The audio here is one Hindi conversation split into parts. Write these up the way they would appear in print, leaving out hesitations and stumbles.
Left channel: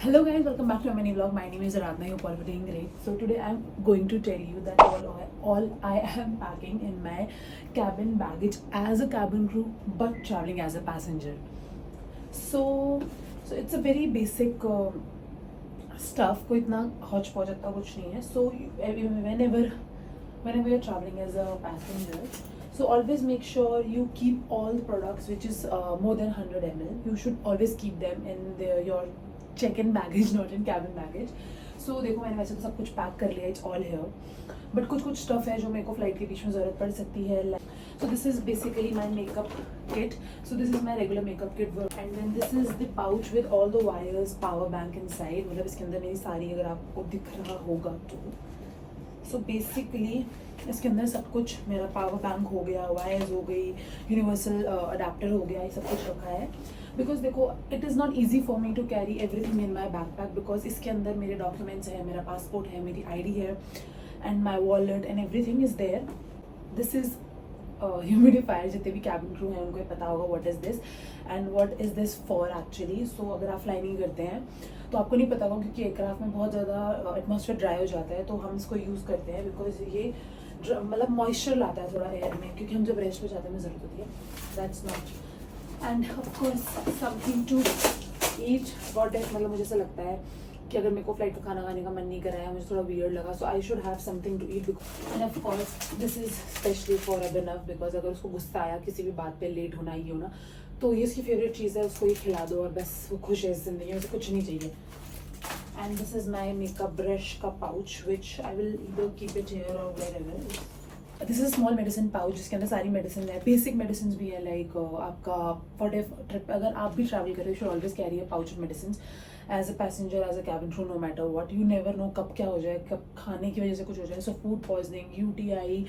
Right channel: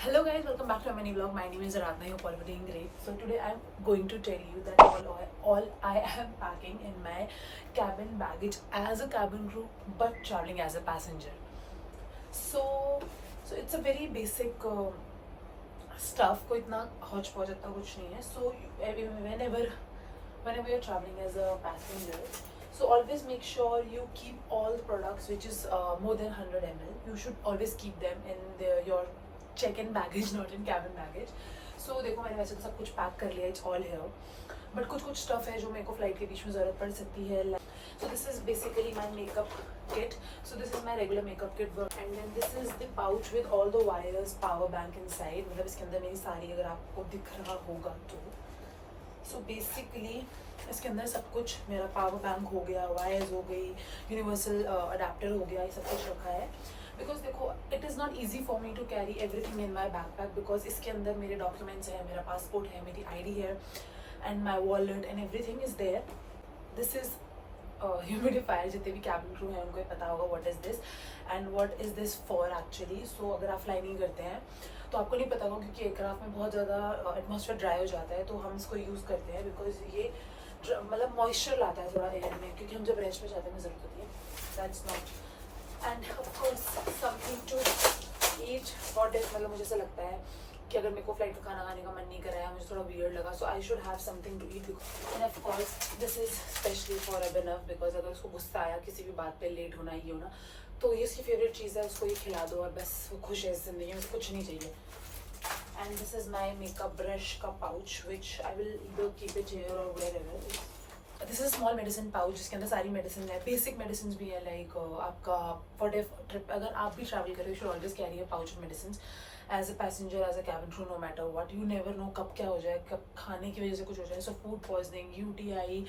Hello guys, welcome back to my mini vlog. My name is Aradhana. I hope all of you are doing great. So today I'm going to tell you that all I am packing in my cabin baggage as a cabin crew, but traveling as a passenger. So it's a very basic stuff. कोई इतना hodgepodge इतना कुछ नहीं है. So whenever you're traveling as a passenger, so always make sure you keep all the products which is more than 100 ml. You should always keep them in your check-in baggage, not in cabin baggage. So देखो मैंने वैसे तो सब कुछ पैक कर लिया, it's all here. बट कुछ स्टफ है जो मेरे को फ्लाइट के बीच में ज़रूरत पड़ सकती है. So this is basically my makeup kit. So this is my regular makeup kit, and then this is the pouch with all the wires, power bank inside. मतलब इसके अंदर मेरी सारी, अगर आपको दिख रहा होगा तो. So basically इसके अंदर सब कुछ, मेरा पावर बैंक हो गया, वायर्स हो गई, यूनिवर्सल अडेप्टर हो गया, ये सब कुछ रखा है. बिकॉज देखो it is not easy for me to carry everything in my backpack, because इसके अंदर मेरे डॉक्यूमेंट्स हैं, मेरा पासपोर्ट है, मेरी ID है, and my wallet and everything is there. This is humidifier. जितने भी कैबिन क्रू हैं उनको ही पता होगा what is this and what is this for actually. So अगर आप फ्लाई नहीं करते हैं तो आपको नहीं पता होगा, क्योंकि एयरक्राफ्ट में बहुत ज़्यादा एटमॉस्फेयर ड्राई हो जाता है, तो हम इसको यूज़ करते हैं बिकॉज ये मतलब मॉइस्चर लाता है थोड़ा एयर में, क्योंकि हम जब रेस्ट पे जाते हैं हमें ज़रूरत होती है. That's not. And of course something to eat. What is, मतलब मुझे ऐसा लगता है कि अगर मेरे को फ्लाइट का खाना खाने का मन नहीं कराया, मुझे थोड़ा वियर्ड लगा, so I should have something to eat. And of course this is specially for Abhinav, because अगर उसको गुस्सा आया किसी भी बात पे, लेट होना ही होना, तो ये उसकी फेवरेट चीज़ है, उसको ये खिला दो और बस वो खुश है इस जिंदगी में, तो कुछ नहीं चाहिए. And this is my makeup brush का pouch which I will either keep it here और wherever. This is small medicine pouch जिसके अंदर सारी मेडिसिन है, बेसिक मेडिसिन भी है. लाइक आपका फॉर ट्रिप अगर आप भी ट्रैवल कर रहे हो, you should always carry a pouch of medicine as a passenger, as a cabin crew, no matter what. You never know कब क्या हो जाए, कब खाने की वजह से कुछ हो जाए. So food poisoning, UTI,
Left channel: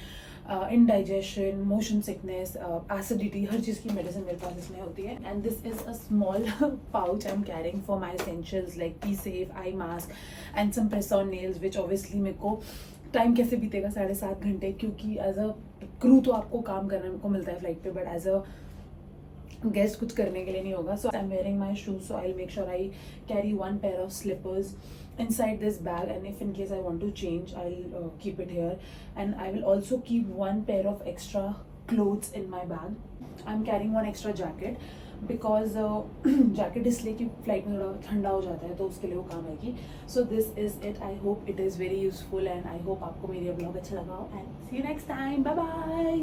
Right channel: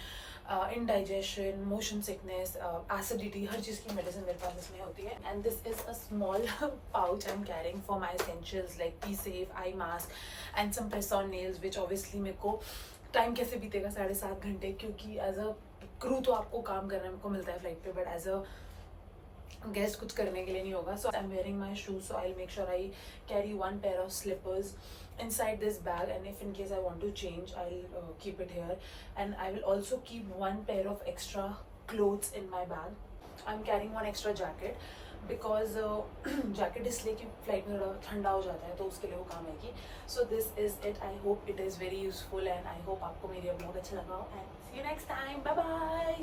indigestion, motion sickness, acidity, हर चीज़ की मेडिसिन मेरे पास इसमें होती है. And this is a small pouch I am carrying for my essentials like pee safe, eye mask and some press on nails, which obviously मेरे को टाइम कैसे बीतेगा 7.5 घंटे, क्योंकि एज अ क्रू तो आपको काम करने को मिलता है फ्लाइट पे, बट एज अ गेस्ट कुछ करने के लिए नहीं होगा. So I am wearing my shoes, so I will make sure I carry one pair of slippers inside this bag, and if in case I want to change, I'll keep it here. And I will also keep one pair of extra clothes in my bag. I'm carrying one extra jacket because jacket इसलिए कि फ्लाइट में थोड़ा ठंडा हो जाता है, तो उसके लिए वो काम आएगी. So this is it. I hope it is very useful and I hope आपको मेरी ब्लॉग अच्छा लगा, and see you next time. Bye bye.